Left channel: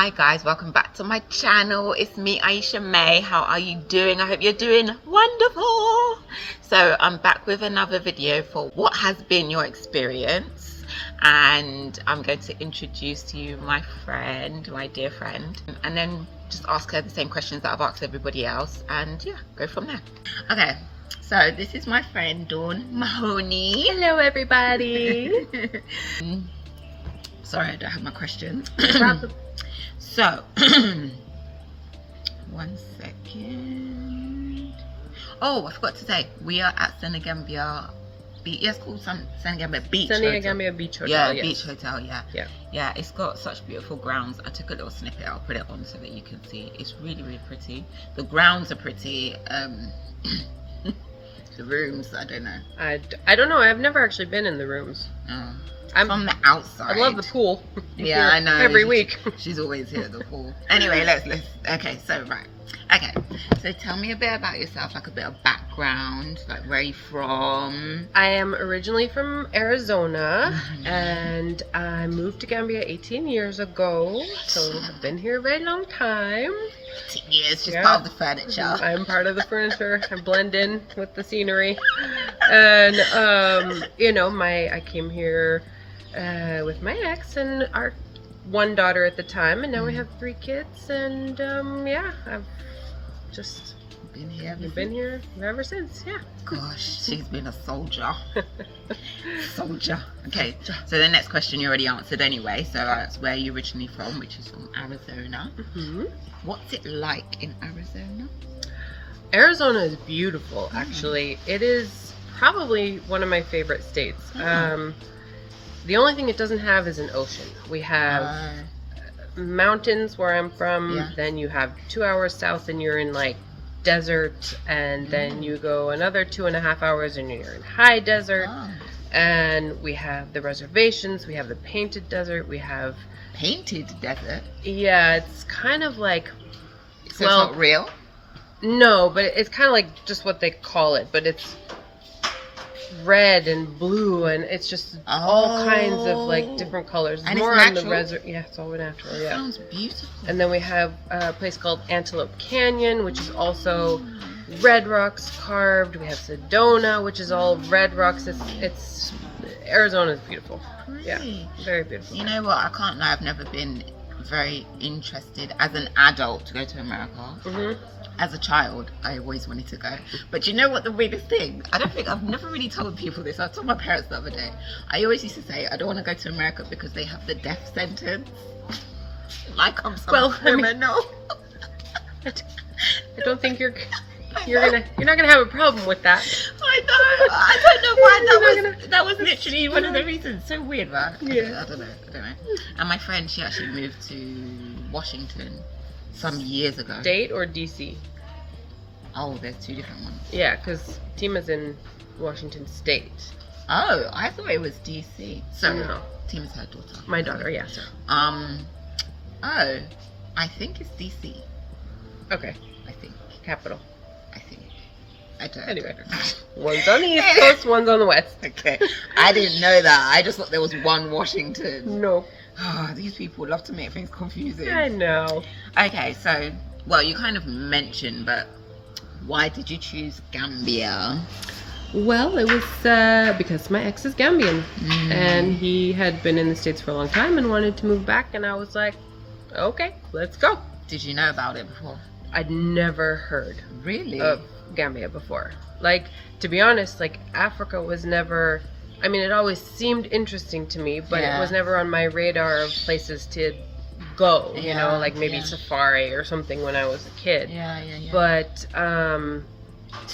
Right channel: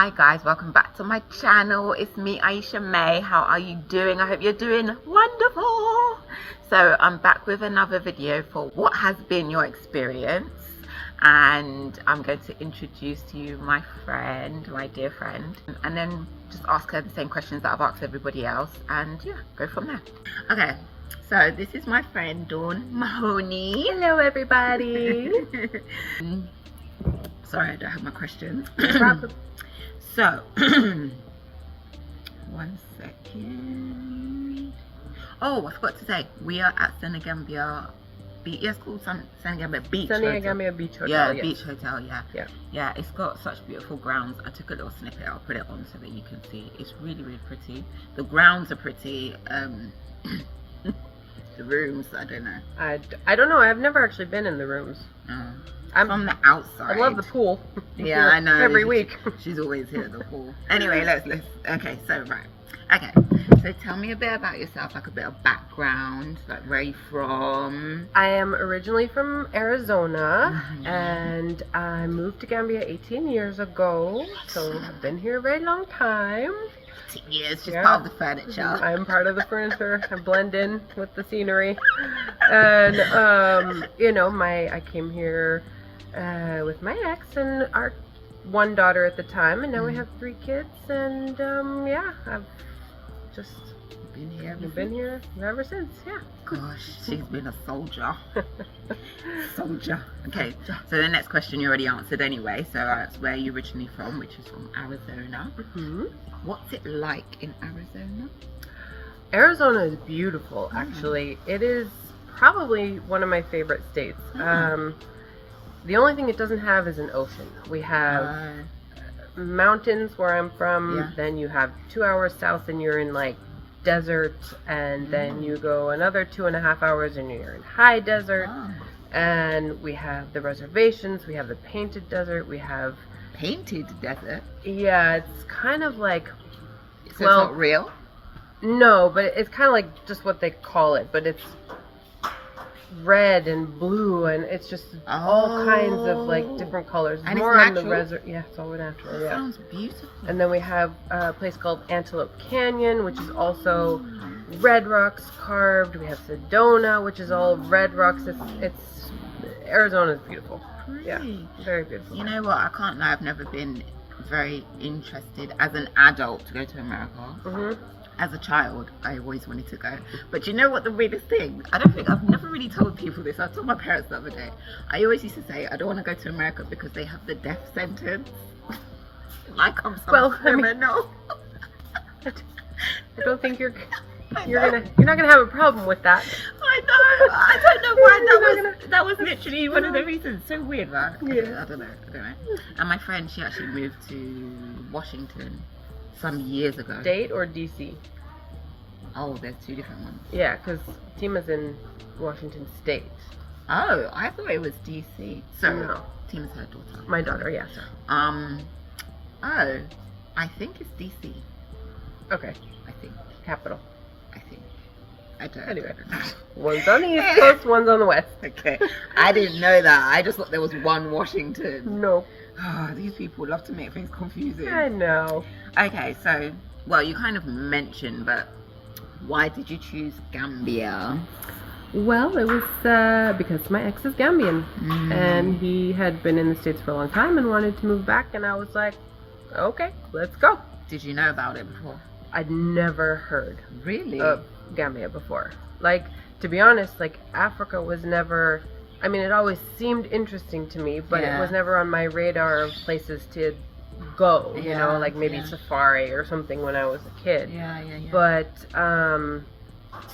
Hi guys, welcome back to my channel. It's me, Aisha May. How are you doing? I hope you're doing wonderful. So I'm back with another video for what has been your experience, and I'm going to introduce to you my friend, my dear friend, and then just ask her the same questions that I've asked everybody else, and yeah, go from there. Okay, so this is my friend Dawn Mahoney. Hello everybody. Sorry, I don't have my questions. No problem. So, 1 second. Oh, I forgot to say, we are at Gambia Beach. Yes, called Gambia Beach. Gambia Beach Hotel. Yeah, yes. Beach Hotel. Yeah. Yeah. Yeah, it's got such beautiful grounds. I took a little snippet. I'll put it on so that you can see. It's really, really pretty. The grounds are pretty. The rooms, I don't know. I don't know. I've never actually been in the rooms. Oh. From the outside. I love the pool. Yeah, I know. Every week. She's always here at the pool. Anyway, let's. Okay, so right. Okay, so tell me a bit about yourself, like a bit of background, like where are you from? I am originally from Arizona, and I moved to Gambia 18 years ago. So I've been here a very long time. 18 years, just part of the furniture. I'm part of the furniture. I blend in with the scenery, and you know, I came here with my ex and our one daughter at the time, and now we have 3 kids, and yeah, I've just been here ever since. Yeah. Gosh, she's been a soldier. Soldier. Okay, so the next question you already answered anyway, so that's where you're originally from, which is from Arizona. What's it like in Arizona? Arizona is beautiful, actually. It is probably one of my favorite states. The only thing it doesn't have is an ocean. We have mountains where I'm from, then you have 2 hours south and you're in like desert, and then you go another 2.5 hours and you're in high desert. And we have the reservations, we have the painted desert, we have Painted desert? Yeah, it's kind of like, So it's not real? No, but it's kind of like just what they call it, but it's red and blue, and it's just all kinds of like different colors. And more it's on the natural? yeah, it's all natural. Yeah, Sounds beautiful. and then we have a place called Antelope Canyon, which is also red rocks carved. We have Sedona, which is all red rocks. It's Arizona's beautiful. Yeah, very beautiful. You know what? I can't lie. I've never been very interested as an adult to go to America. As a child, I always wanted to go. But you know what the weirdest thing? I've never really told people this. I told my parents the other day. I always used to say, I don't want to go to America because they have the death sentence. Like I'm some criminal. I don't think you're not gonna have a problem with that. I know. I don't know why that was literally one of the reasons. So weird, right? Yeah. I don't know. And my friend, she actually moved to Washington some years ago. State or DC? Oh, there's 2 different ones. Yeah, because Tima's in Washington State. Oh, I thought it was DC. So no, Tima's her daughter. My daughter, yeah. Sorry. Oh, I think it's DC. Okay. I think. Capital. I think. I don't. Anyway, one's on the East Coast, one's on the West. Okay. I didn't know that. I just thought there was one Washington. No. Oh, these people love to make things confusing. I know. Okay, so, well, you kind of mentioned, but why did you choose Gambia? Well, it was because my ex is Gambian, and he had been in the States for a long time and wanted to move back, and I was like, okay, let's go. Did you know about it before? I'd never heard Really? of Gambia before. Like, to be honest, like, Africa was never, I mean, it always seemed interesting to me, but it was never on my radar of places to go, you know, like maybe safari or something when I was a kid. But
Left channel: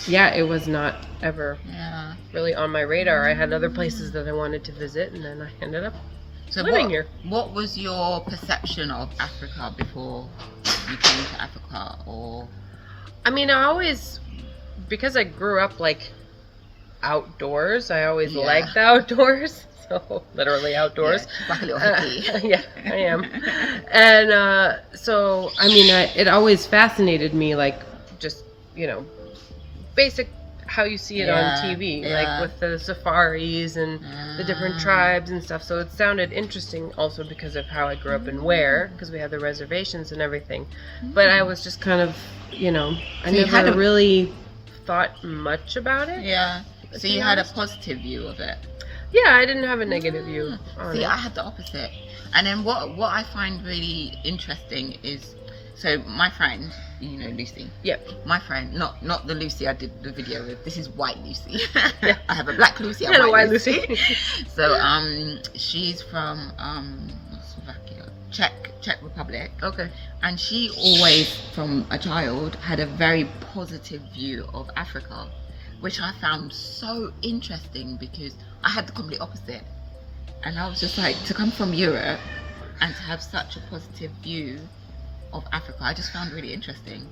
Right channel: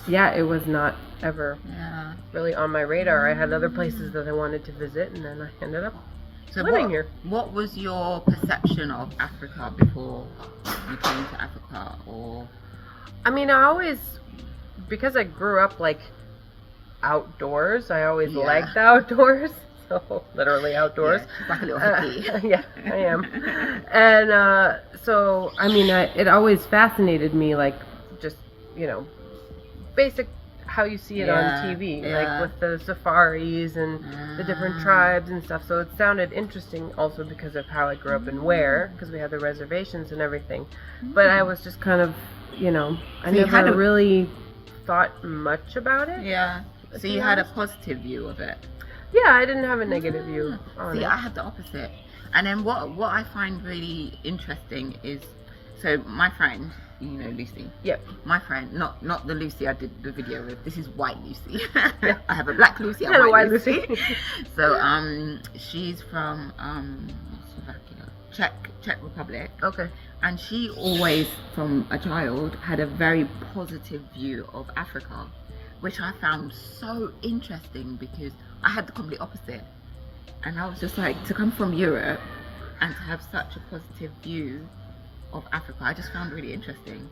yeah, it was not ever really on my radar. I had other places that I wanted to visit, and then I ended up living here. What was your perception of Africa before you came to Africa? Or I mean, I always, because I grew up like outdoors, I always liked the outdoors. So literally outdoors. Like a little hippie. Yeah, I am. And so I mean, it always fascinated me, like just, you know, basic how you see it on TV, like with the safaris and the different tribes and stuff. So it sounded interesting also because of how I grew up and where, because we had the reservations and everything. But I was just kind of, you know, I never really thought much about it. Yeah. So you had a positive view of it. Yeah, I didn't have a negative view on it. See, I had the opposite. And then what I find really interesting is, so my friend, you know Lucy. Yep. My friend, not the Lucy I did the video with. This is white Lucy. Yeah. I have a black Lucy and a white Lucy. So she's from Slovakia, Czech Republic. Okay. And she always, from a child, had a very positive view of Africa, which I found so interesting because I had the complete opposite. And I was just like, to come from Europe and to have such a positive view of Africa, I just found really interesting.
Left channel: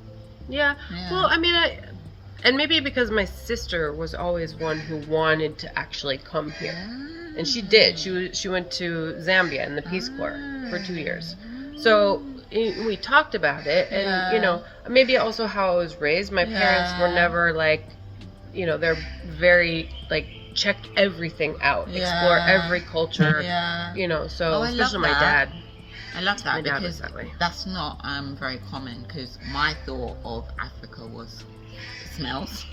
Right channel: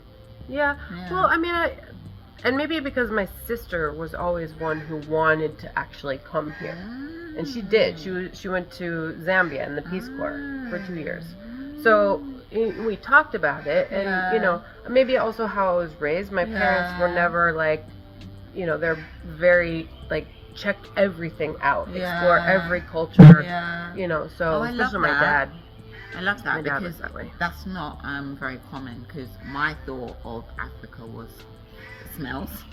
Yeah. Well, I mean, and maybe because my sister was always one who wanted to actually come here. And she did. She went to Zambia in the Peace Corps for 2 years. So we talked about it, and you know, maybe also how I was raised. My parents were never like, you know, they're very like check everything out, explore every culture, you know. So especially my dad. I love that. My dad was that way. That's not very common, because my thought of Africa was it smells.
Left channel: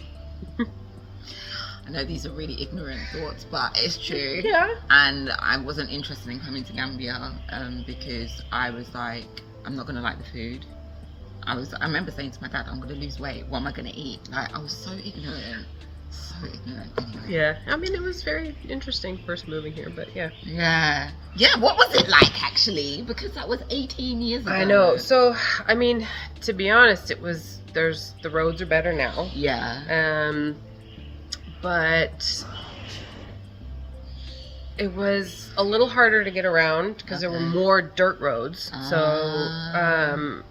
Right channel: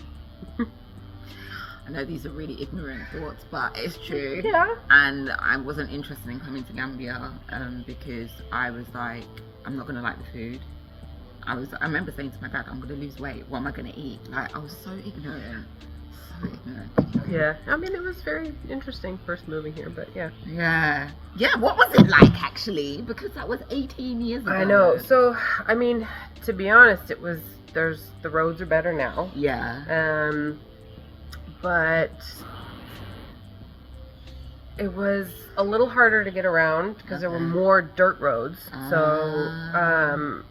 I know these are really ignorant thoughts, but it's true. Yeah. And I wasn't interested in coming to Gambia because I was like, I'm not gonna like the food. I remember saying to my dad, I'm gonna lose weight. What am I gonna eat? Like, I was so ignorant. So ignorant. Yeah. I mean, it was very interesting first moving here, but yeah. Yeah. Yeah, what was it like actually? Because that was 18 years ago. I know. So, I mean, to be honest, the roads are better now. Yeah. But it was a little harder to get around because there were more dirt roads. So,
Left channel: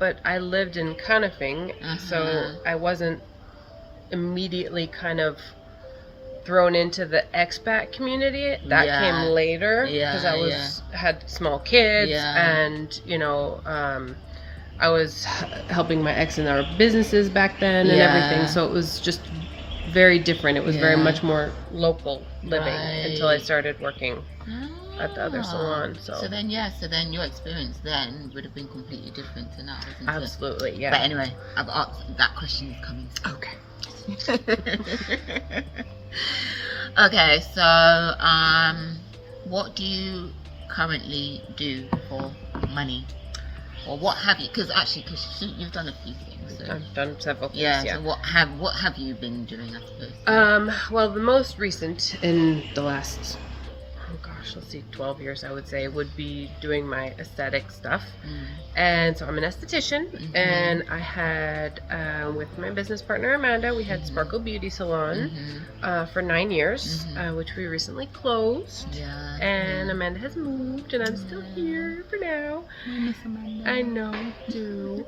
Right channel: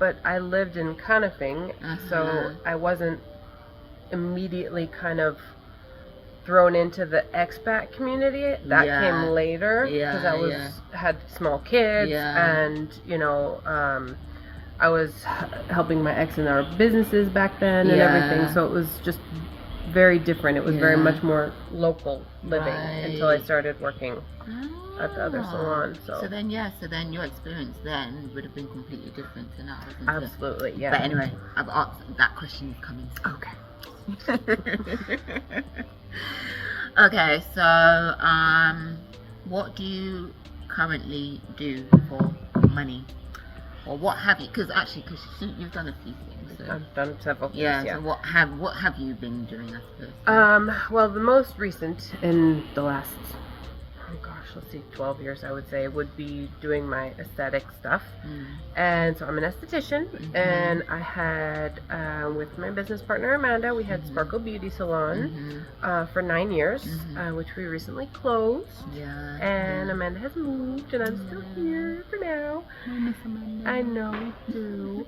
but I lived in Kanifing, so I wasn't immediately kind of thrown into the expat community. That came later because I had small kids and, you know, I was helping my ex in our businesses back then and everything. So it was just very different. It was very much more local living until I started working at the other salon. So then your experience then would have been completely different to now, isn't absolutely, it? yeah. But anyway, I've asked, that question is coming soon. Okay. Okay, so what do you currently do for money, or what have you? Because you've done a few things. So. I've done several things. Yeah. So what have you been doing after this? Well, the most recent in the last, let's see, 12 years, I would say, would be doing my aesthetic stuff. And so I'm an esthetician, and I had, with my business partner Amanda, we had Sparkle Beauty Salon for 9 years, which we recently closed. And Amanda has moved, and I'm still here for now. I miss Amanda. I know, we do.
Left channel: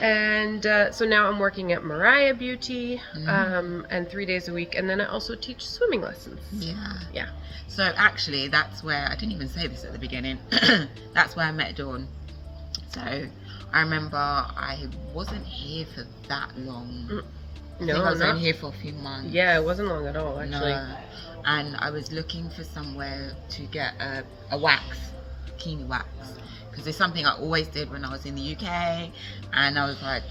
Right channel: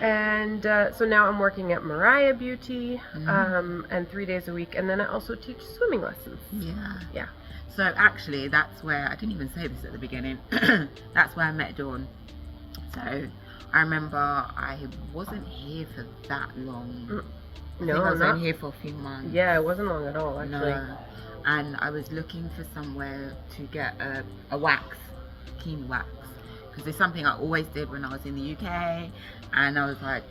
And so now I'm working at Mariah Beauty, and 3 days a week, and then I also teach swimming lessons. Yeah. So actually, that's where, I didn't even say this at the beginning, that's where I met Dawn. So I remember I wasn't here for that long. I was only here for a few months. Yeah, it wasn't long at all, actually. No. And I was looking for somewhere to get a wax, bikini wax. Because it's something I always did when I was in the UK. And I was like,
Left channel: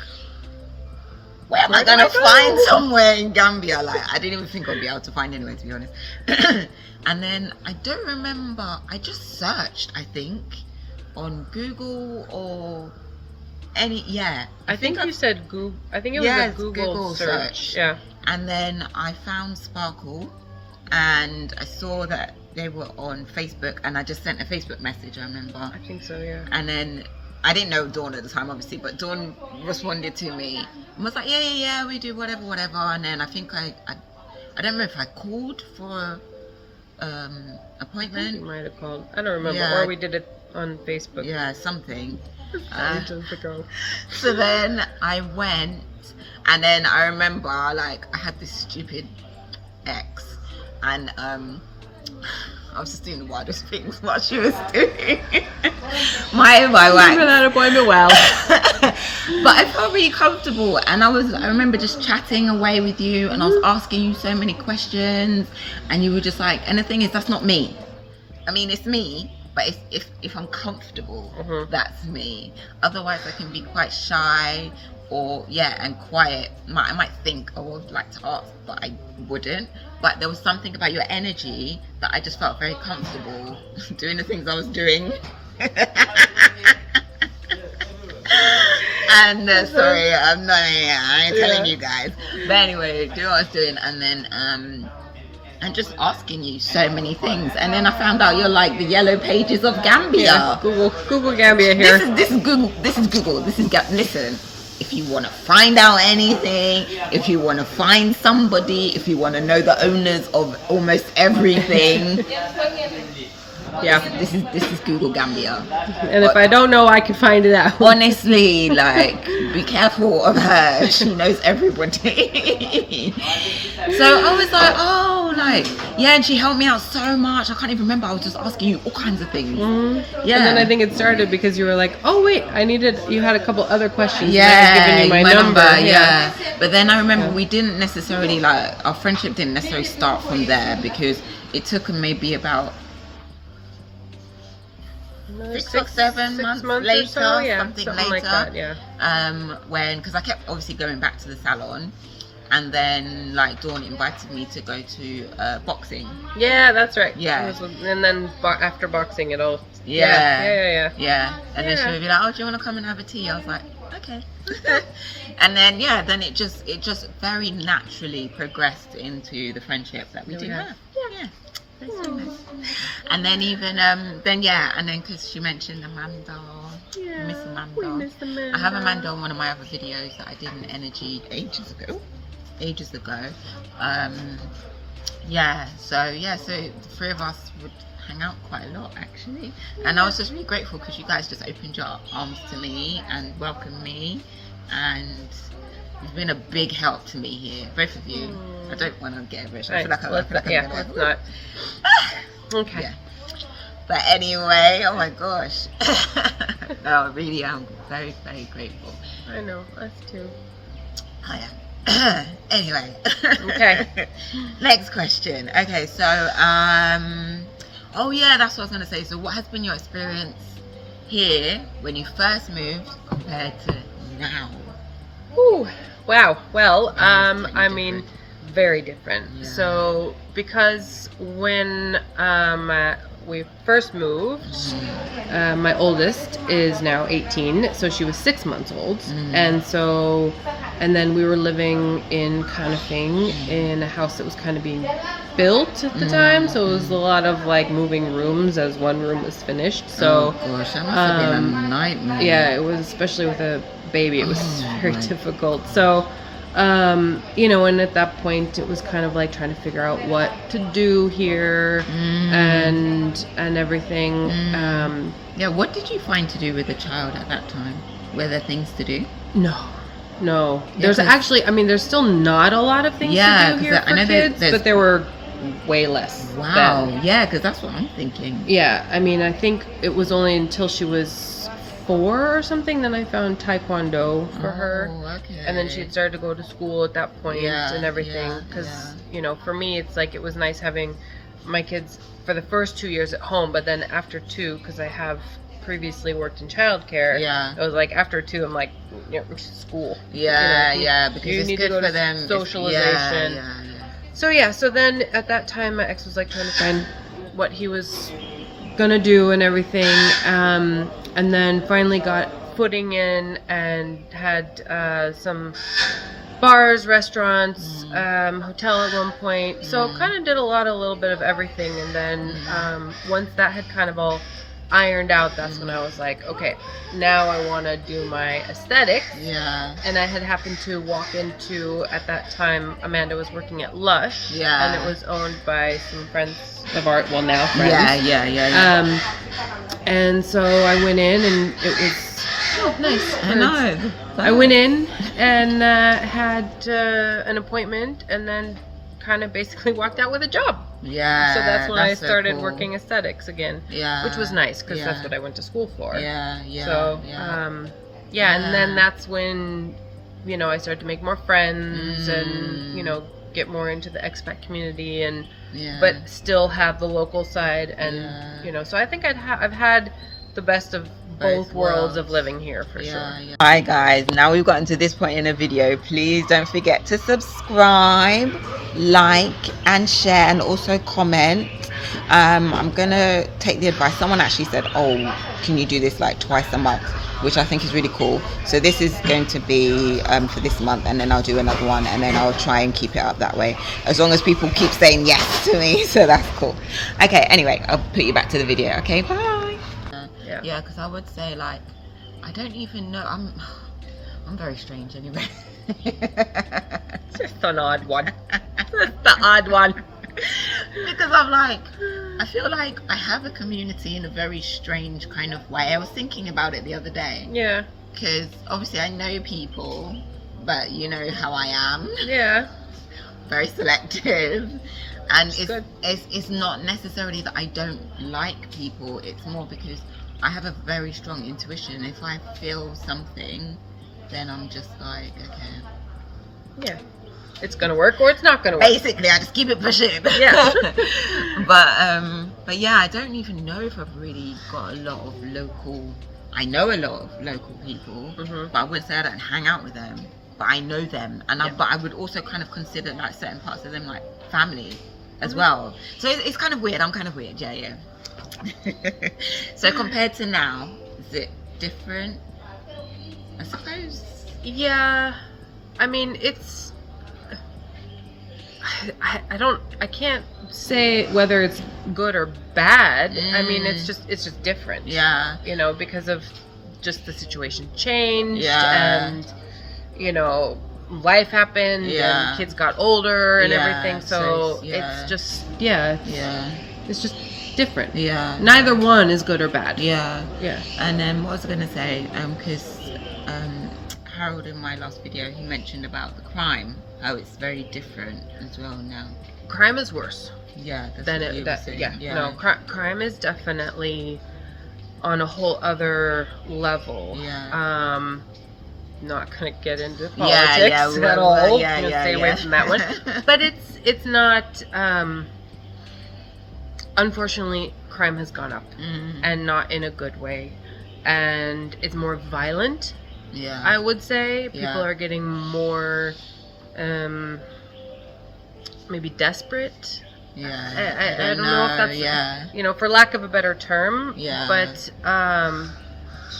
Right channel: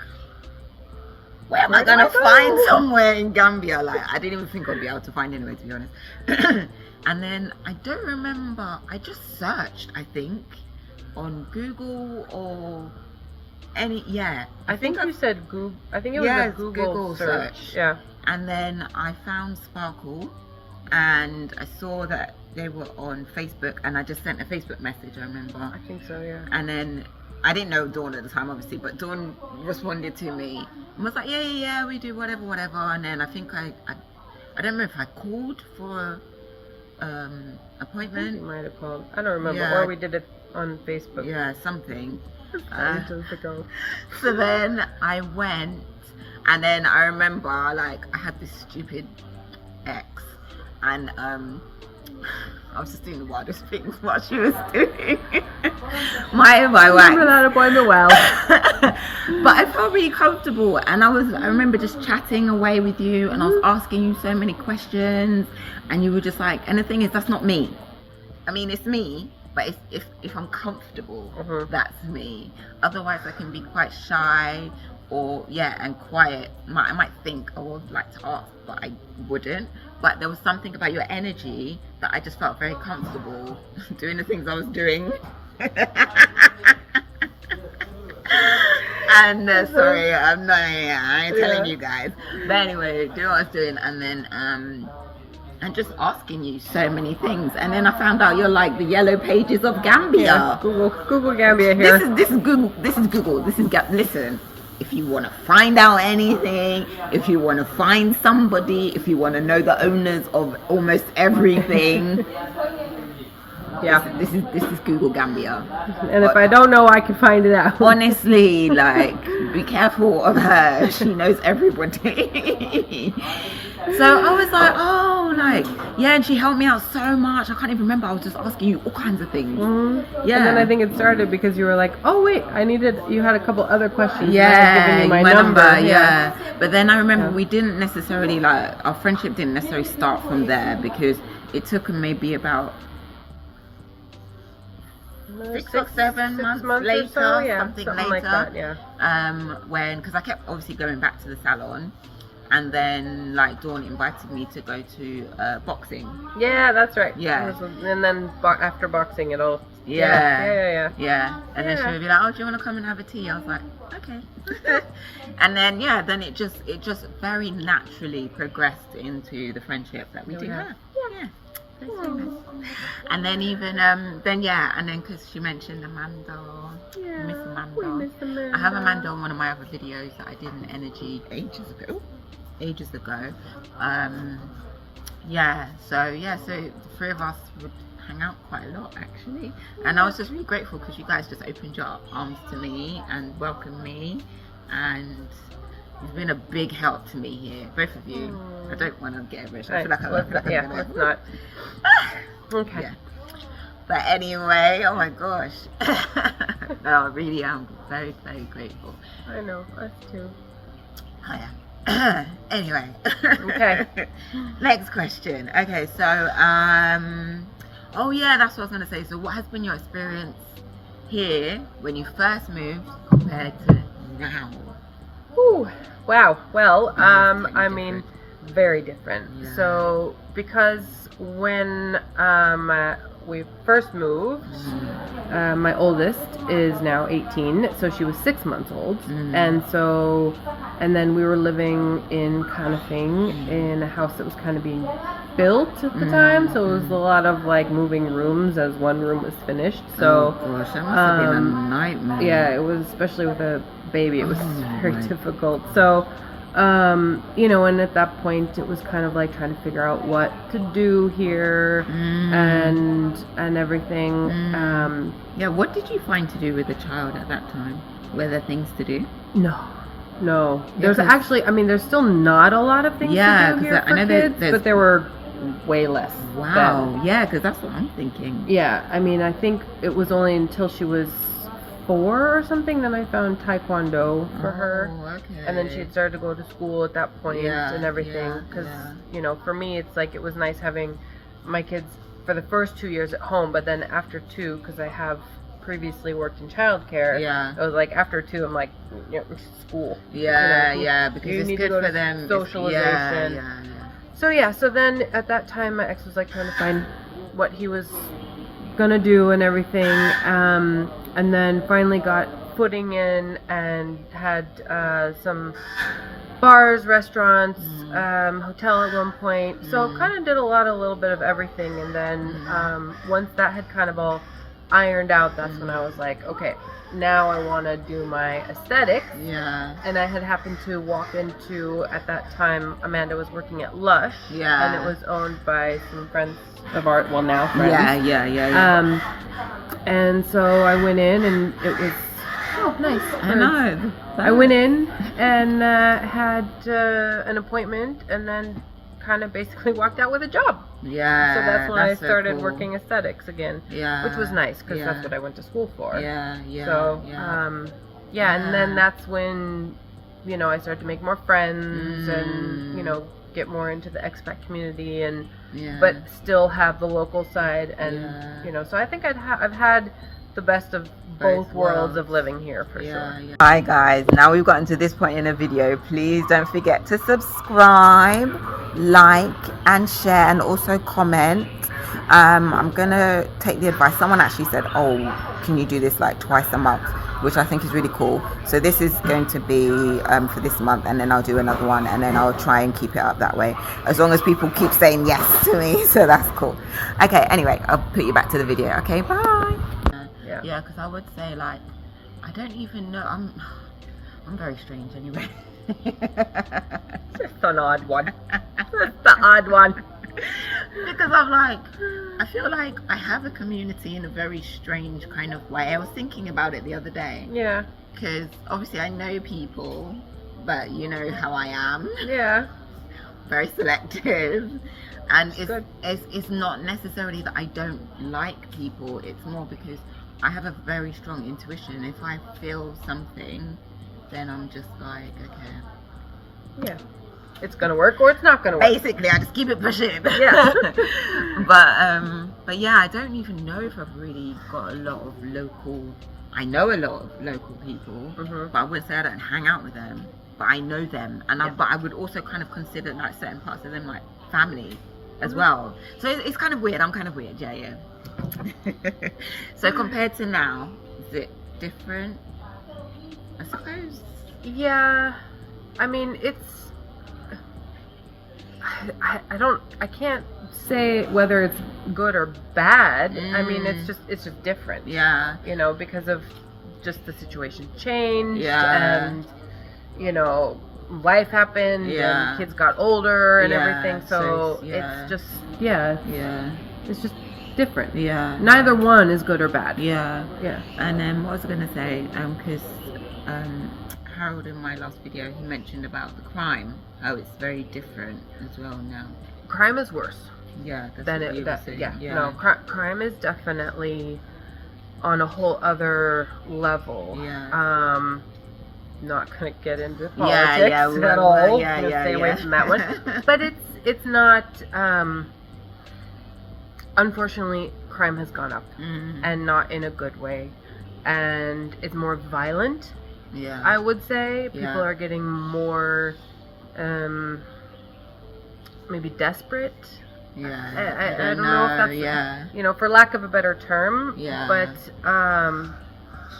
where am I going to find somewhere in Gambia? Like, I didn't even think I'd be able to find anywhere, to be honest. And then I don't remember, I just searched, I think, on Google or I think you said Google. I think it was a Google search. Yeah. And then I found Sparkle, and I saw that they were on Facebook, and I just sent a Facebook message, I remember. I think so, yeah. And then I didn't know Dawn at the time, obviously, but Dawn responded to me and was like, yeah, we do whatever. And then I think I don't know if I called for appointment. I think you might have called. I don't remember. Or we did it on Facebook. Yeah, something. Ago. So then I went, and then I remember, like, I had this stupid ex, and I was just doing the wildest things while she was doing my wax. Remember that appointment well. But I felt really comfortable, and I remember just chatting away with you, and I was asking you so many questions, and you were just like, and the thing is, that's not me. I mean, it's me, but if I'm comfortable, that's me. Otherwise, I can be quite shy and quiet. I might think, oh, I'd like to ask, but I wouldn't. But there was something about your energy that I just felt very comfortable doing the things I was doing. And sorry, I ain't telling you guys. But anyway, doing what I was doing, and then and just asking you so many things. And then I found out you're like the yellow pages of Gambia. Yeah, Google Gambia here. This is Google. Listen. If you want to find out anything, if you want to find somebody, if you want to know the owners of almost everything, yeah, this is Google Gambia. And if I don't know, I can find it out. Honestly, like, be careful of her. She knows everybody. So I was like, oh, like, yeah, and she helped me out so much. I can't even remember. I was just asking you all kinds of things. Yeah. And then I think it started because you were like, oh wait, you had a couple other questions. Yeah, and I had given you my number. Yeah. But then I remember we didn't necessarily, like, our friendship didn't necessarily start from there, because it took maybe about 6 or 7 months later, or so, yeah, something later, like that, yeah. Because I kept obviously going back to the salon, and then like Dawn invited me to go to boxing. Yeah, that's right. Yeah. And then after boxing, it all. Yeah. And then she would be like, "Oh, do you want to come and have a tea?" I was like, "Okay." And then then it just very naturally progressed into the friendship that we do have. Yeah. And then and then because she mentioned Amanda, Miss Amanda. We miss Amanda. I have Amanda on one of my other videos that I did in Energy ages ago. So the three of us would hang out quite a lot actually, and I was just really grateful because you guys just opened your arms to me and welcomed me, and it's been a big help to me here, both of you. I don't want to get rich. I feel like let's not. Okay. Yeah. But anyway, oh my gosh. No, I really am very, very grateful. I know, us too. Oh, yeah. Anyway. Okay. Next question. Okay, so oh yeah, that's what I was gonna say. So what has been your experience here when you first moved compared to now? Ooh, wow. Well, I mean, very different. Yeah. So because when we first moved, my oldest is now 18, so she was 6 months old, and then we were living in Conifing in a house that was kind of being built at the time, so it was a lot of like moving rooms as one room was finished. So oh gosh, that must have been a nightmare. Yeah, it was, especially with a baby, it was very difficult. So and at that point it was kind of like trying to figure out what to do here and everything. What did you find to do with the child at that time? Were there things to do? No. There's actually, there's still not a lot of things to do here for kids, but there were way less. Wow. Then. Yeah, because that's what I'm thinking. Yeah, I think it was only until she was 4 or something, then I found Taekwondo for her. Okay. And then she had started to go to school at that point and everything. Because, for me, it's like it was nice having my kids for the first 2 years at home, but then after 2, because I have previously worked in childcare, it was like after 2, I'm like, school. Because you need to go to them. Socialization. So then at that time, my ex was like trying to find what he was gonna do and everything, and then finally got footing in and had some bars, restaurants, hotel at one point. So kind of did a little bit of everything, and then once that had kind of all ironed out, that's when I was like, okay, now I want to do my aesthetics. And I had happened to walk into, at that time, Amanda was working at Lush, and it was owned by some friends of ours, well, now friends. And so I went in, and it was nice. I know. I went in and had an appointment, and then kind of basically walked out with a job. Yeah. So that's when I so started cool. working aesthetics again. Yeah. Which was nice because Yeah. that's what I went to school for. Yeah. Yeah. So, yeah. and then that's when, you know, I started to make more friends and, you know, get more into the expat community and, but still have the local side and, you know, so I think I've had the best of both worlds of living here for sure. Yeah. Hi guys, now we've gotten to this point in the video. Please don't forget to subscribe, like and share and also comment. I'm gonna take the advice. Someone actually said, oh, can you do this like twice a month, which I think is really cool. So this is going to be for this month, and then I'll do another one, and then I'll try and keep it up that way, as long as people keep saying yes to me. So that's cool. Okay, anyway, I'll put you back to the video. Okay, bye. Yeah, because I would say, like, I don't even know. I'm very strange anyway. Just an odd one. Just the odd one. Because I'm like, I feel like I have a community in a very strange kind of way. I was thinking about it the other day. Yeah. Because obviously I know people, but you know how I am. Yeah. Very selective. And it's not necessarily that I don't like people. It's more because I have a very strong intuition. If I feel something, then I'm just like, okay. Yeah. It's gonna work or it's not gonna work. Basically, I just keep it pushing. Yeah. but yeah, I don't even know if I've really got a lot of local. I know a lot of local people, but I wouldn't say I don't hang out with them. But I know them, and but I would also kind of consider like certain parts of them like family as well. So it's kind of weird. I'm kind of weird. Yeah. So compared to now, is it different? I suppose. Yeah. I mean, it's. I can't say whether it's good or bad. I mean, it's just different. Yeah. You know, because of just the situation changed and, you know, life happened and kids got older and everything. So it's just, it's just different. Yeah. Neither one is good or bad. Yeah. Yeah. And then what was I going to say? Because Harold in my last video, he mentioned about the crime, how it's very different as well now. Crime is worse. Yeah. No, crime is definitely on a whole other level. Yeah. Not gonna get into politics at all. I'm gonna stay away from that one. But it's not. Unfortunately, crime has gone up, and not in a good way, and it's more violent. Yeah, I would say people are getting more, maybe desperate. Yeah, I don't know if that's you know, for lack of a better term. Yeah, but it's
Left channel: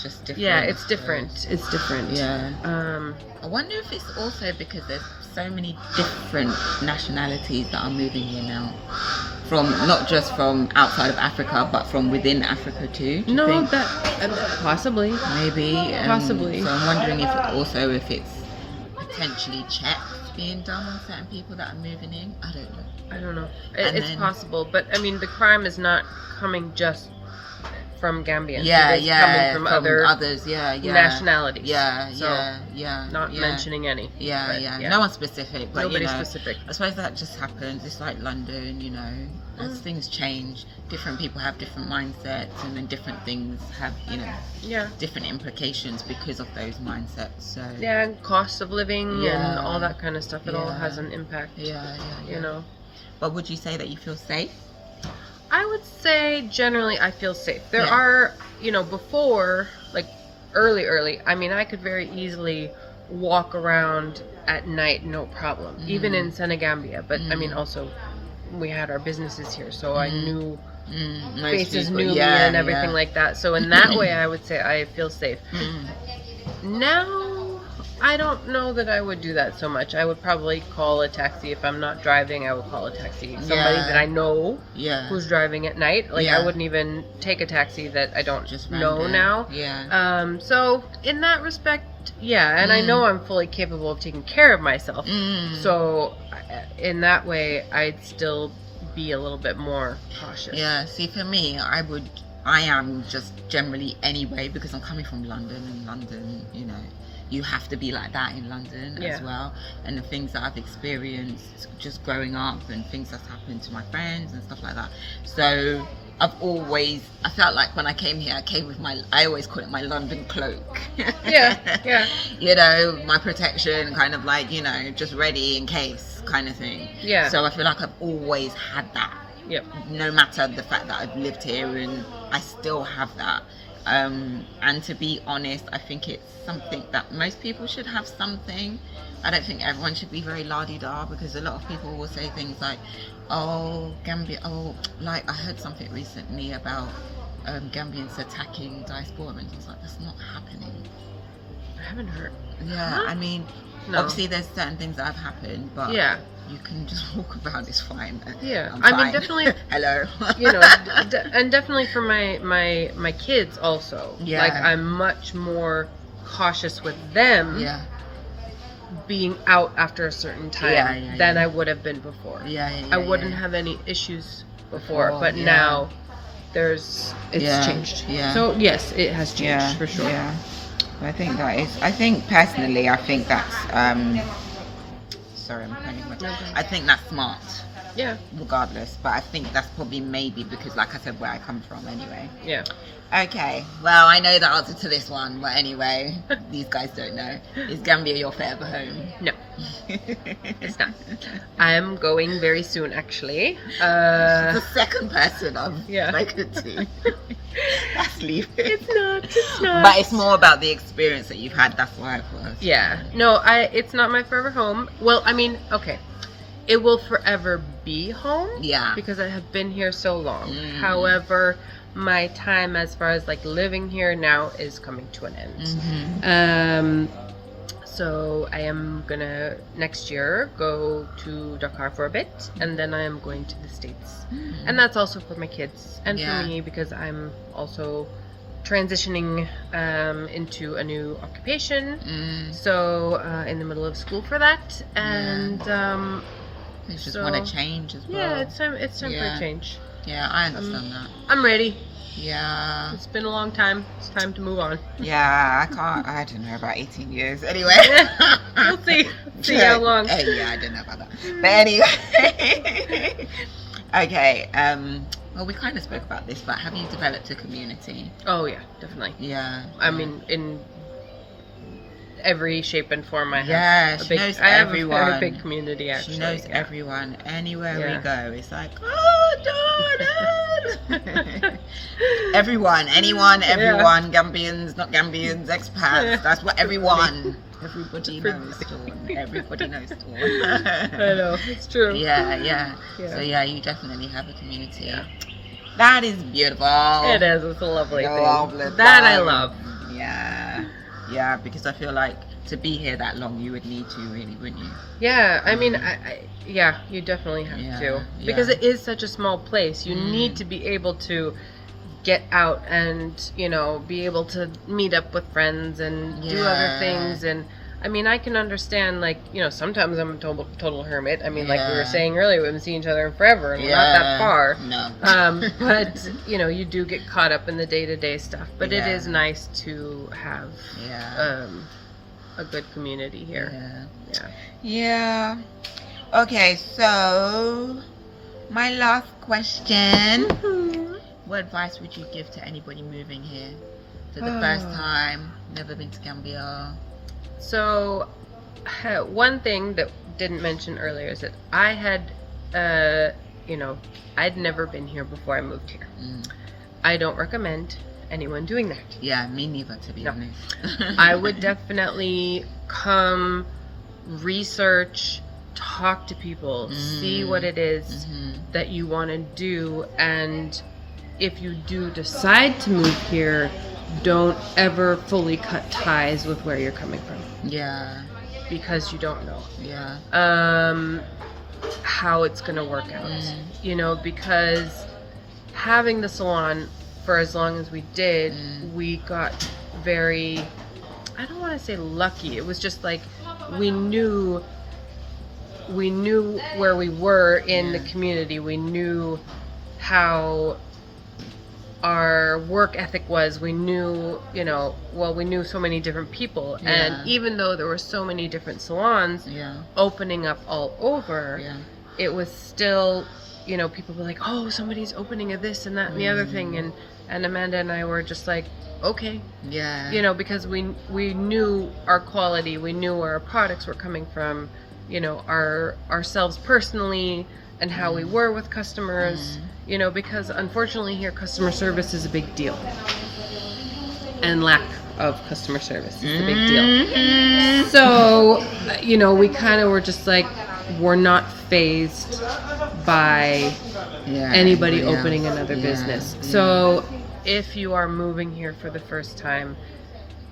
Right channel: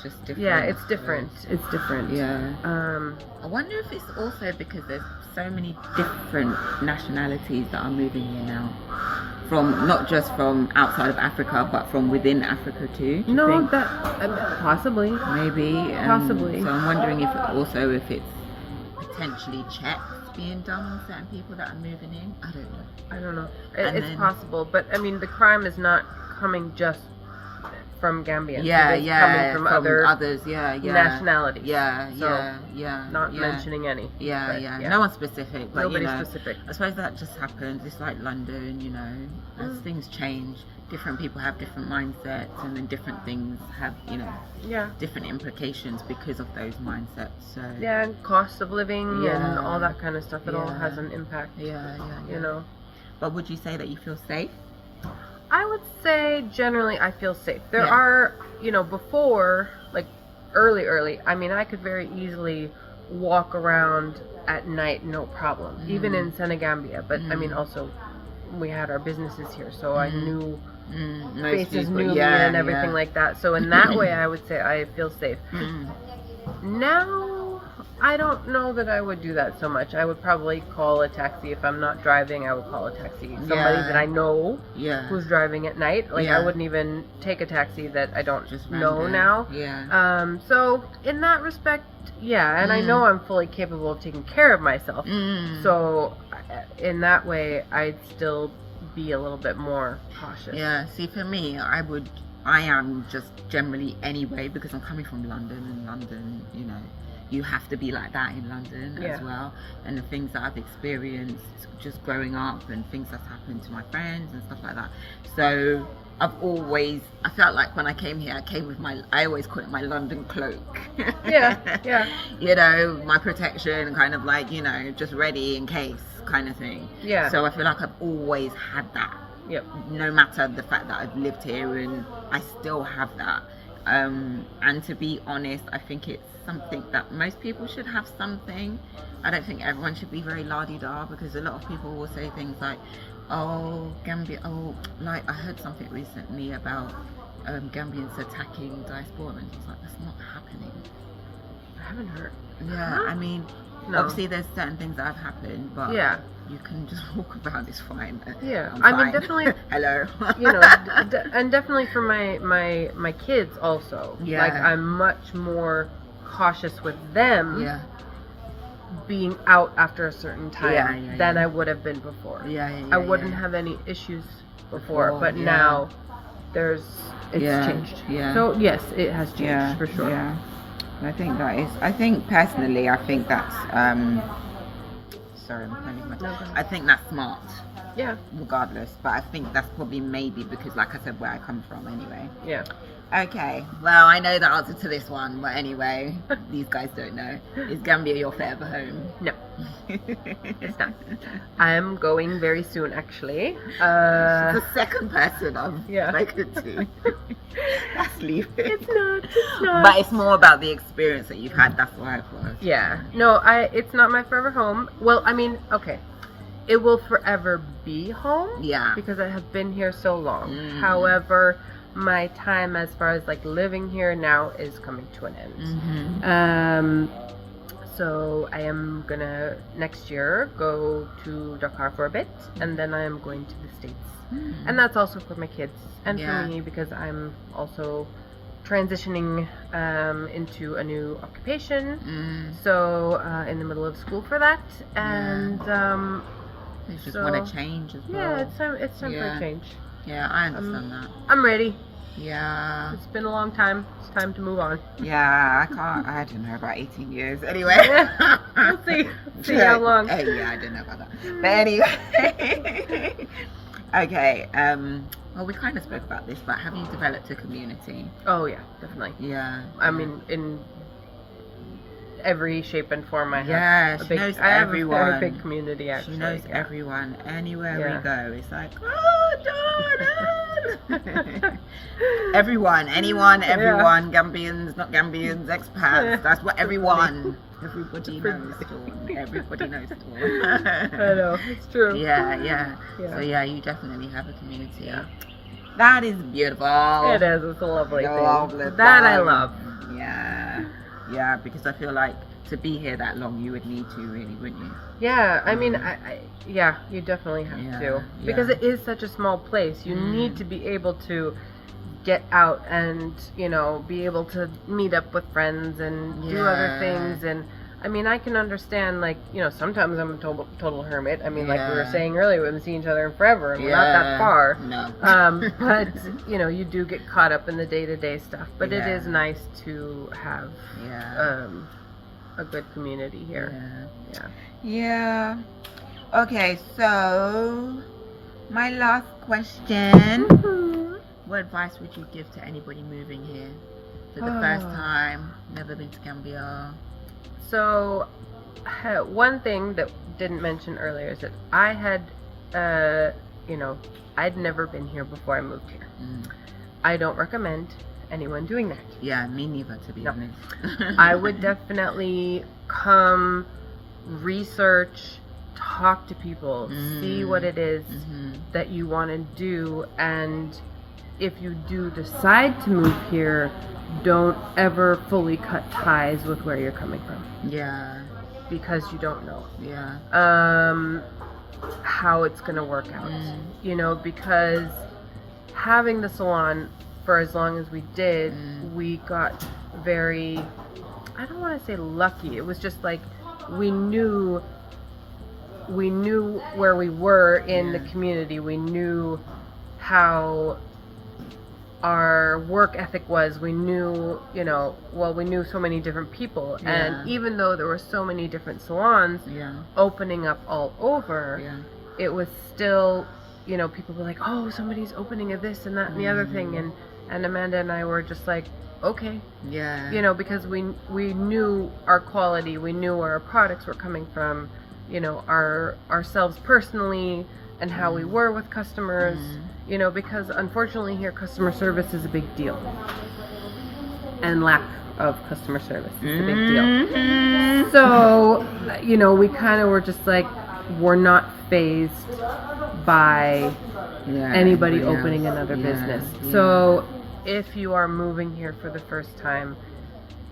just different. Yeah, it's different. It's different. Yeah. I wonder if it's also because there's so many different nationalities that are moving here now. From not just from outside of Africa, but from within Africa too. No, that possibly. Maybe. Possibly. So I'm wondering if it's potentially checks being done on certain people that are moving in. I don't know. It's possible, but I mean, the crime is not coming just from Gambians. It's coming from others, nationalities. Not mentioning any. No one specific. But, nobody specific. I suppose that just happens. It's like London, you know, as things change, different people have different mindsets, and then different things have, you know, different implications because of those mindsets. So and cost of living and all that kind of stuff. It all has an impact. You know. But would you say that you feel safe? I would say generally I feel safe. There are, you know, before, like early, I mean, I could very easily walk around at night, no problem, even in Senegambia. But I mean, also we had our businesses here, so I knew faces knew me and everything like that. So in that way, I would say I feel safe. Now, I don't know that I would do that so much. I would probably call a taxi. If I'm not driving, I would call a taxi. Somebody that I know who's driving at night. Like, I wouldn't even take a taxi that I don't know now. So, in that respect, and I know I'm fully capable of taking care of myself. So, in that way, I'd still be a little bit more cautious. Yeah, see, for me, I am just generally anyway, because I'm coming from London, and London, you know, you have to be like that in London as well. And the things that I've experienced just growing up and things that's happened to my friends and stuff like that. So I felt like when I came here, I came with I always call it my London cloak. Yeah. You know, my protection, kind of like, you know, just ready in case kind of thing. Yeah. So I feel like I've always had that. Yep. No matter the fact that I've lived here, and I still have that. And to be honest, I think it's something that most people should have something. I don't think everyone should be very la-di-da, because a lot of people will say things like, oh, Gambia, like I heard something recently about Gambians attacking diasporans. It's like, that's not happening. I haven't heard. Yeah, Huh? I mean, obviously there's certain things that have happened, but you can just walk about, it's fine. Yeah, I'm I fine. mean, definitely. Hello. You know, and definitely for my kids also. Yeah. Like, I'm much more cautious with them. Yeah. Being out after a certain time than I would have been before. I wouldn't have any issues before, but now it's changed. Yeah. So yes, it has changed for sure. Yeah. I think personally, I think that's sorry, I think that's smart. Yeah. Regardless, but I think that's probably maybe because, like I said, where I come from anyway. Yeah. Okay, well, I know the answer to this one, but anyway, these guys don't know. Is Gambia your forever home? No, it's not. I'm going very soon, actually. The second person I've spoken to. That's leaving. It's not. But it's more about the experience that you've had, that's why I thought. Yeah, no, it's not my forever home. Well, I mean, okay. It will forever be home. Yeah. Because I have been here so long. However, my time as far as like living here now is coming to an end. So I am gonna next year go to Dakar for a bit, and then I am going to the States, and that's also for my kids and for me, because I'm also transitioning into a new occupation. So in the middle of school for that, and you just want to change as well. Yeah, it's time for a change. Yeah, I understand that. I'm ready. Yeah. It's been a long time. It's time to move on. Yeah, I don't know, about 18 years. Anyway. We'll see. See how long. Yeah, I don't know about that. But anyway. Okay. Well, we kind of spoke about this, but have you developed a community? Oh, yeah, definitely. Yeah. I mean, in every shape and form, I have I have a very big community, actually. She knows everyone. Anywhere we go, it's like, oh, Jordan! Everyone, anyone, everyone, Gambians, not Gambians, expats, that's what everybody knows Dawn. Everybody knows Dawn. I know, it's true. Yeah. So you definitely have a community. Yeah. That is beautiful. It is, it's a lovely thing. That I love. Yeah, because I feel like to be here that long, you would need to, really, wouldn't you? Yeah, I mean, you definitely have to. Because it is such a small place. You need to be able to get out and, you know, be able to meet up with friends and do other things. And, I mean, I can understand, like, you know, sometimes I'm a total hermit. I mean, like we were saying earlier, we haven't seen each other in forever, and we're not that far. No. But, you know, you do get caught up in the day-to-day stuff. But it is nice to have a good community here. Yeah. Okay, so my last question. What advice would you give to anybody moving here for the first time, never been to Gambia? So, one thing that didn't mention earlier is that I had, I'd never been here before I moved here. I don't recommend anyone doing that. Yeah, me neither, to be honest. I would definitely come, research, talk to people, see what it is that you want to do, and if you do decide to move here, don't ever fully cut ties with where you're coming from. Yeah. Because you don't know. Yeah. How it's gonna work out. You know, because having the salon for as long as we did, we got very, I don't want to say lucky. It was just like we knew where we were in the community. We knew how our work ethic was. We knew, we knew so many different people. Yeah. And even though there were so many different salons opening up all over, it was still, people were like, oh, somebody's opening a this and that and the other thing. And Amanda and I were just like, okay. Yeah. Because we knew our quality, we knew where our products were coming from, ourselves personally and how we were with customers, because unfortunately here customer service is a big deal. And lack of customer service is a big deal. So, we kind of were just like, we're not phased by anybody opening another business. So if you are moving here for the first time,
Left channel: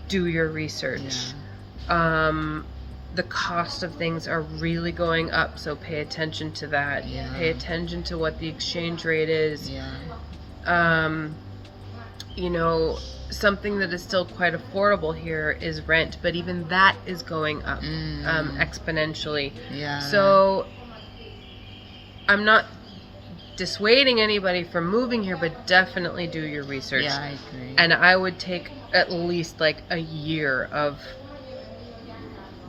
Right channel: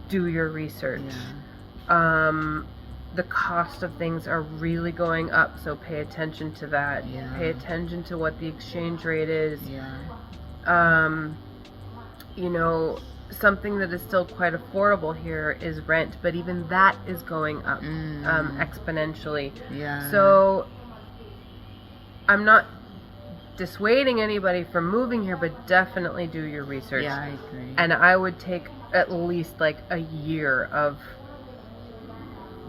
do your research. The cost of things are really going up, so pay attention to that. Pay attention to what the exchange rate is. Something that is still quite affordable here is rent, but even that is going up exponentially. So I'm not dissuading anybody from moving here, but definitely do your research. I agree. And I would take at least like a year of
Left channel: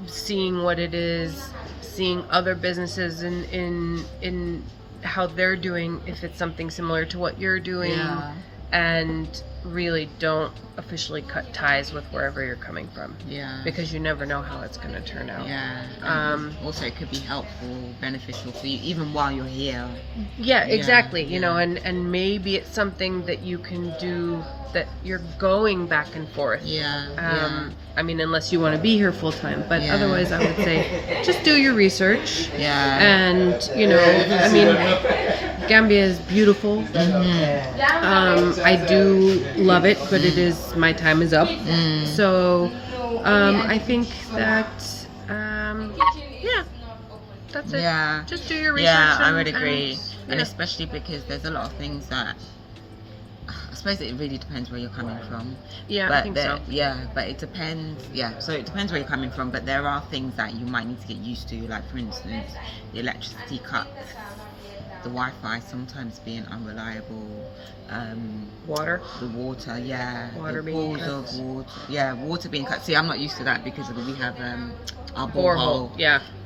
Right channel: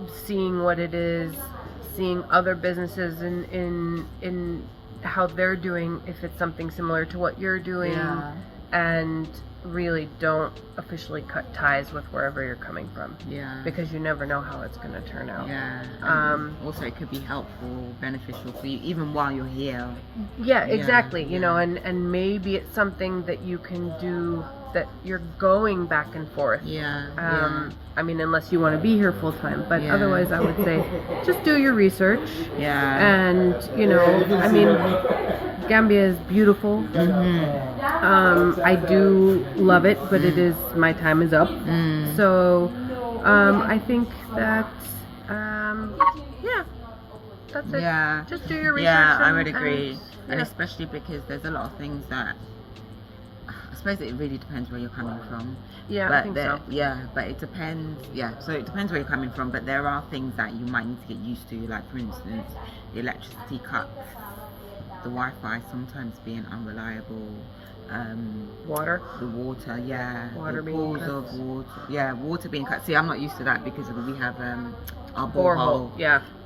seeing what it is, seeing other businesses in how they're doing, if it's something similar to what you're doing, and really don't officially cut ties with wherever you're coming from, because you never know how it's going to turn out. Also, it could be helpful, beneficial for you even while you're here. Exactly. And maybe it's something that you can do, that you're going back and forth. I mean, unless you want to be here full time, but otherwise I would say just do your research. And I mean, Gambia is beautiful. I do love it, but my time is up. So I think that that's it. Just do your research. I would agree. And especially because there's a lot of things that, I suppose it really depends where you're coming from. I think so. But it depends. So it depends where you're coming from, but there are things that you might need to get used to, like for instance, the electricity cuts, the Wi-Fi sometimes being unreliable, water, the water, water the being pools cut. of water, water being cut. See, I'm not used to that because we have our borehole.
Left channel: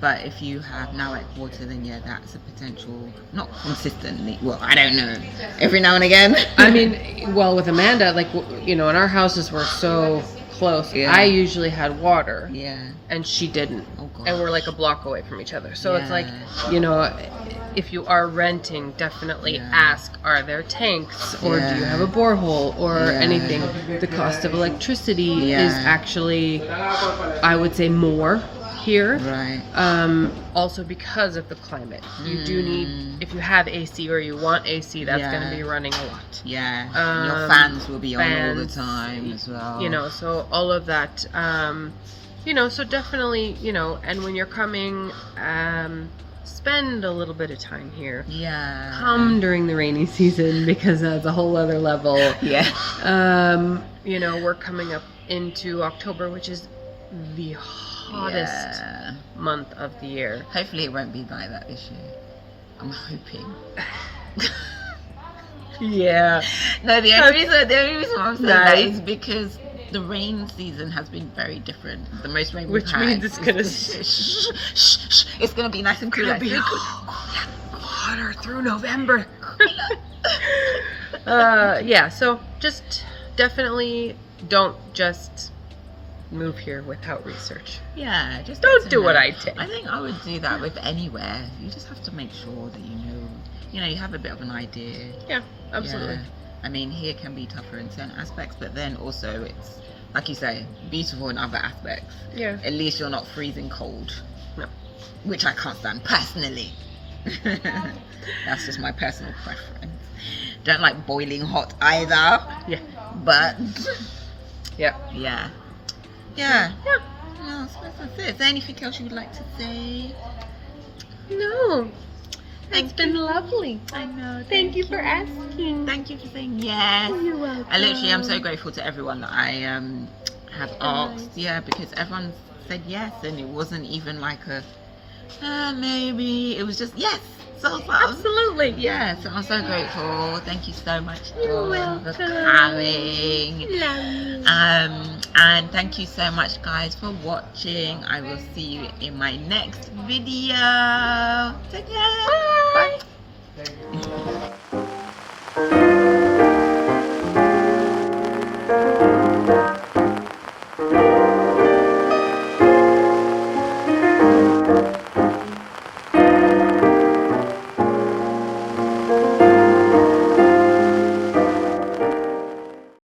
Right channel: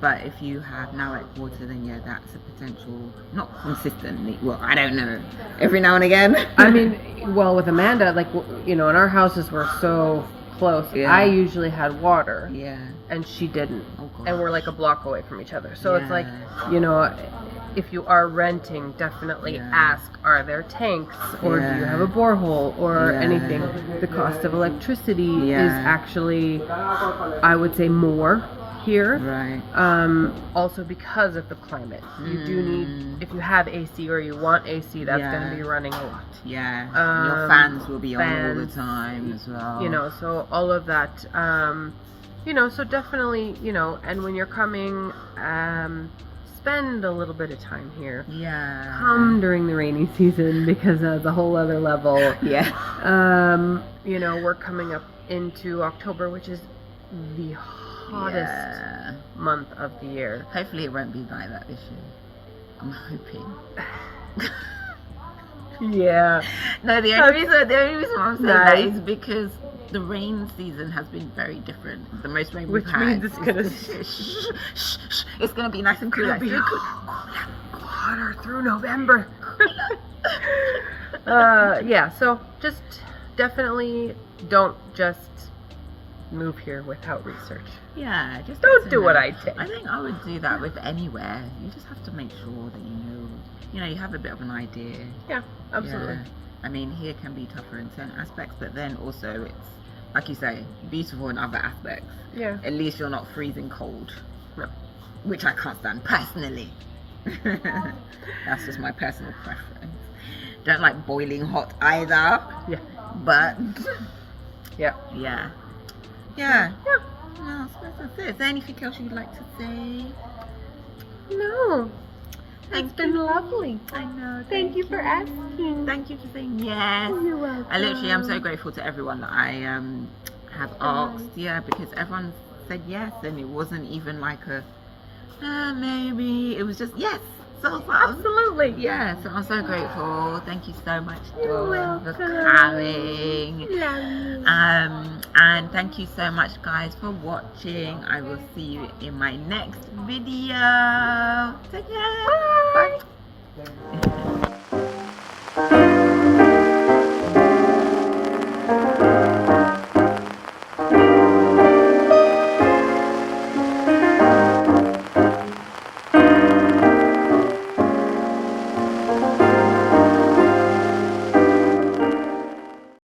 But if you have now like water, then that's a potential, not consistently. Well, I don't know. Every now and again. I mean, well, with Amanda, like and our houses were so close. I usually had water. And she didn't. Oh, gosh. And we're like a block away from each other. So it's like, if you are renting, definitely ask, are there tanks, or do you have a borehole, or anything? The cost of electricity is actually, I would say, more here. Also because of the climate. You do need, if you have AC or you want AC, that's going to be running a lot. Your fans will be on all the time as well. So all of that, so definitely, and when you're coming, spend a little bit of time here. Come during the rainy season, because that's a whole other level. We're coming up into October, which is the hottest month of the year. Hopefully it won't be like that this year. I'm hoping. No, the only reason I'm saying that is because the rain season has been very different. The most rain we've had. Which means it's gonna it's gonna be nice and cool. It's gonna be hotter through November. So just definitely don't just move here without research. Just don't do what I did. I think I would do that with anywhere. You just have to make sure that you have a bit of an idea. Absolutely. I mean, here can be tougher in certain aspects, but then also it's, like you say, beautiful in other aspects. At least you're not freezing cold. No. Which I can't stand personally. That's just my personal preference. Don't like boiling hot either. But Yeah. Well, that's it. Is there anything else you would like to say? No. It's been lovely. I know. Thank you for asking. Thank you for saying yes. You're welcome. I'm so grateful to everyone that I have asked. Because everyone said yes, and it wasn't even like maybe it was just yes. So Absolutely. yeah, so I'm so grateful. Thank you so much You're for welcome. coming. Love you. And thank you so much, guys, for watching. I will see you in my next video. Take care. Bye.